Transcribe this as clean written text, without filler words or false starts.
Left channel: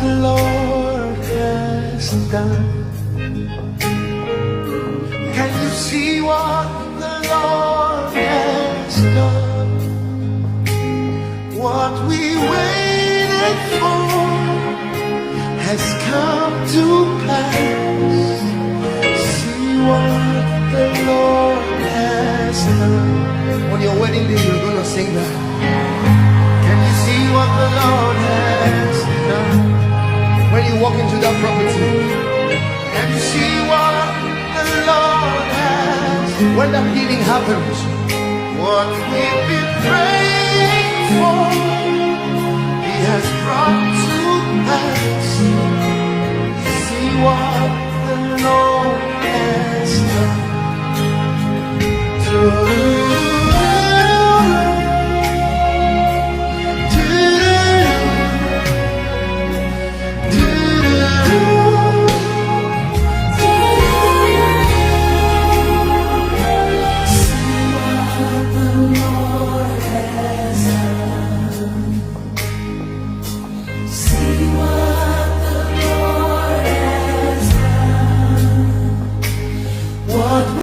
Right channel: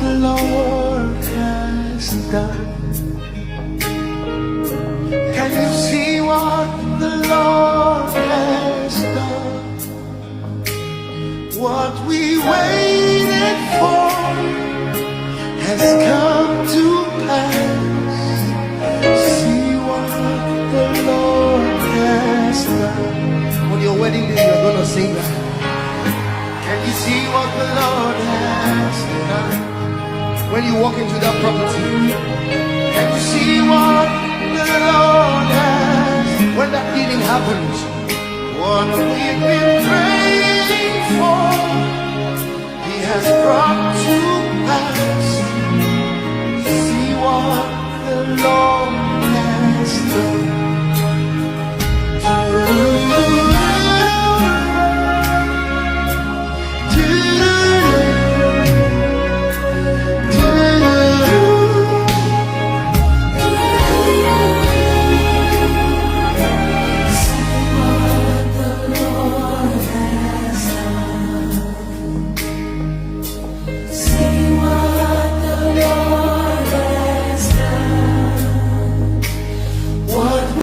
the Lord has done? Can you see what the Lord has done? What we waited for has come to pass. See what the Lord has done. On your wedding day, you're gonna sing that. Can you see what the Lord has done? When you walk into that property, can you see what the Lord has? When that healing happens, what we've been praying for, He has brought